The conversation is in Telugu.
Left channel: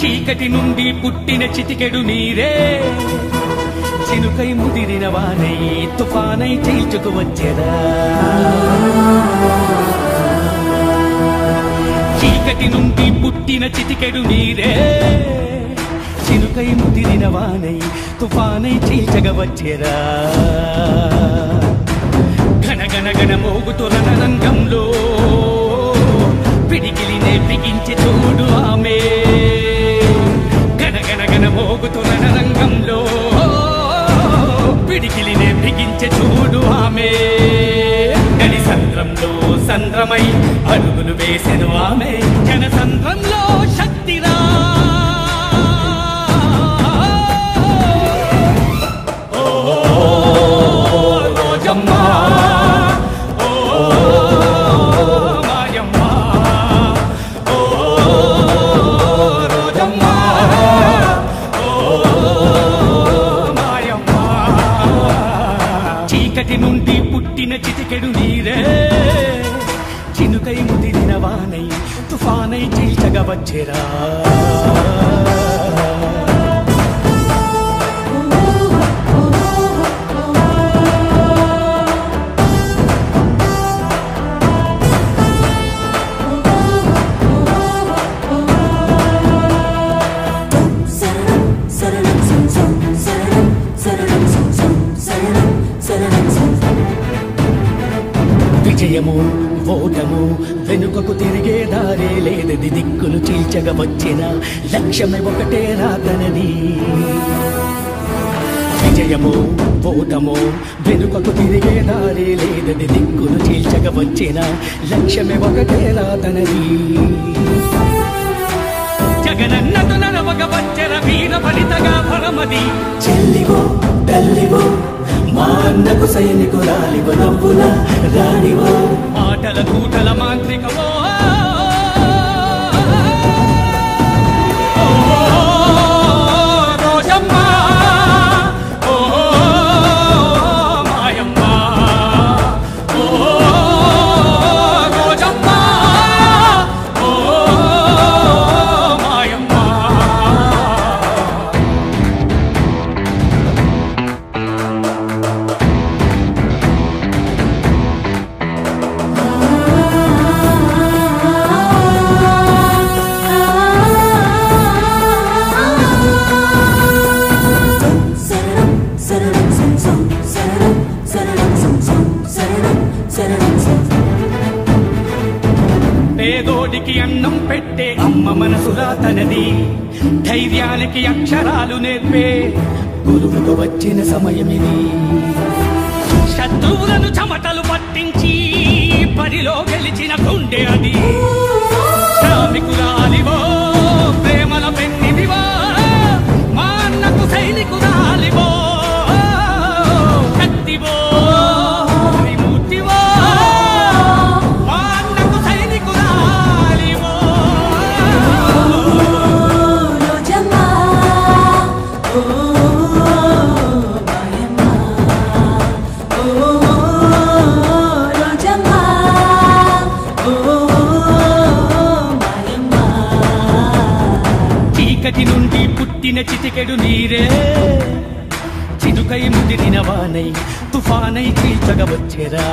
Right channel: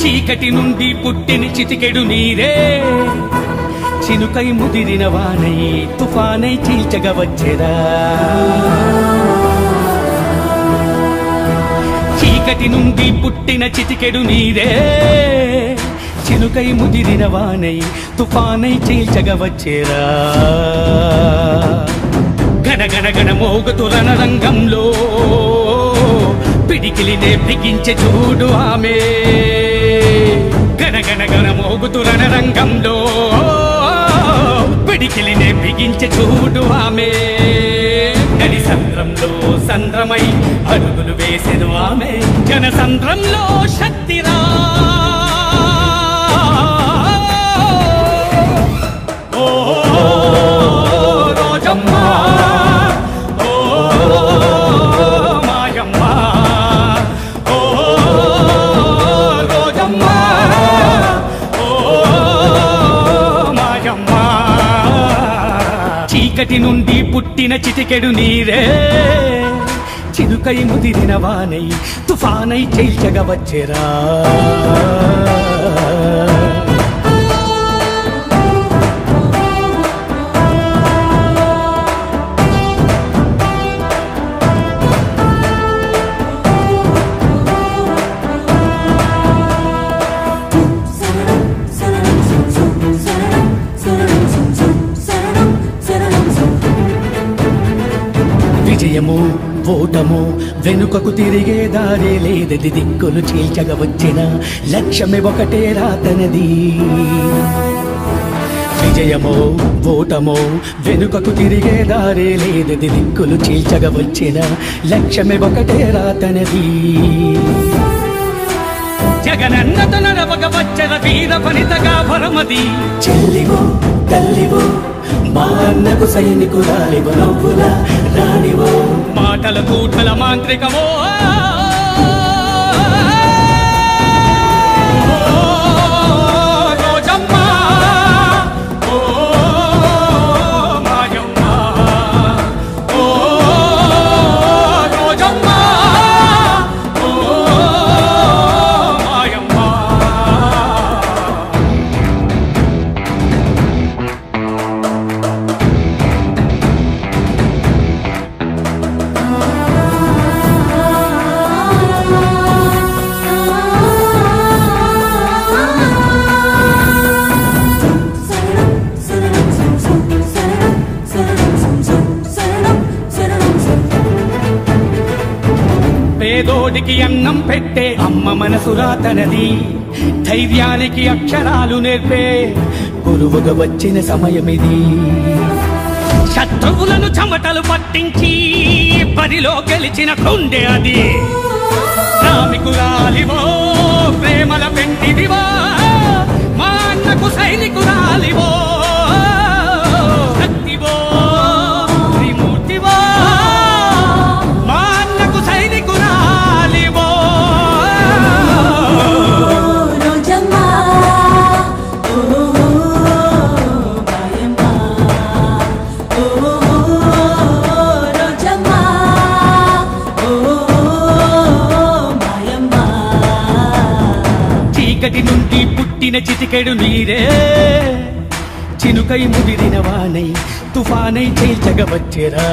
చీకటి నుండి పుట్టిన చిటికెడు నీరే చినుకై ముదిరిన వానై తుఫానై చీల్చగ వచ్చెరా చీకటి నుండి పుట్టిన చిటికెడు నీరే చినుకై ముదిరిన వానై తుఫానై చీల్చగ వచ్చెరా గణ గణ మోగుతున్న రంగంలో పిడికిలినే బిగించే చూడు ఆమె గణ గణ గణ మోగుతున్న రంగంలో పిడికిలినే బిగించే చూడు ఆమె నడి సంద్రంలో సంద్రమై అడుగులు వేసెను ఆమె జన సంద్రంలో శక్తిరా రోజమ్మా చీకటి నుండి పుట్టిన చిటికెడు నీరే చినుకై ముదిరిన వానై తుఫానై చీల్చగ వచ్చెరా విజయము ఓటము వెనుకకు తిరిగే దారే లేదది దిక్కులు చీల్చగ వచ్చిన లక్ష్యమే ఒకటే రాతనది విజయము ఓటము వెనుకకు తిరిగే దారే లేదది దిక్కులు చీల్చగ వచ్చిన లక్ష్యమే ఒకటే రాతనది జగనన్నతన నవగ వచ్చన వీర ఫలితగా ఫలమది చెల్లివో తల్లివో మా అన్నకు సైనికురాలివ నవ్వుల రాణివో మాటల కూటల మాంత్రికవో రోజమ్మా ఓ మాయమ్మా ఓ రోజమ్మా ఓ మాయమ్మా పేదోడికి అన్నం పెట్టే అమ్మ మనసు రాతనది ధైర్యానికి అక్షరాలు నేర్పే గురువుగా వచ్చిన సమయమిది శత్రువులను చెమటలు పట్టించి బరిలో గెలిచిన గుండె అది శ్రామికురాలివో ప్రేమల పెన్నిదివో మా అన్నకు సైనికురాలివో శక్తివో త్రిమూర్తివో మా అన్నకు సైనికురాలివో రోజమ్మా ఓ మాయమ్మా ఓ రోజమ్మా ఓ మాయమ్మా చీకటి నుండి పుట్టిన చిటికెడు నీరే చినుకై ముదిరిన వానై తుఫానై చీల్చగ వచ్చెరా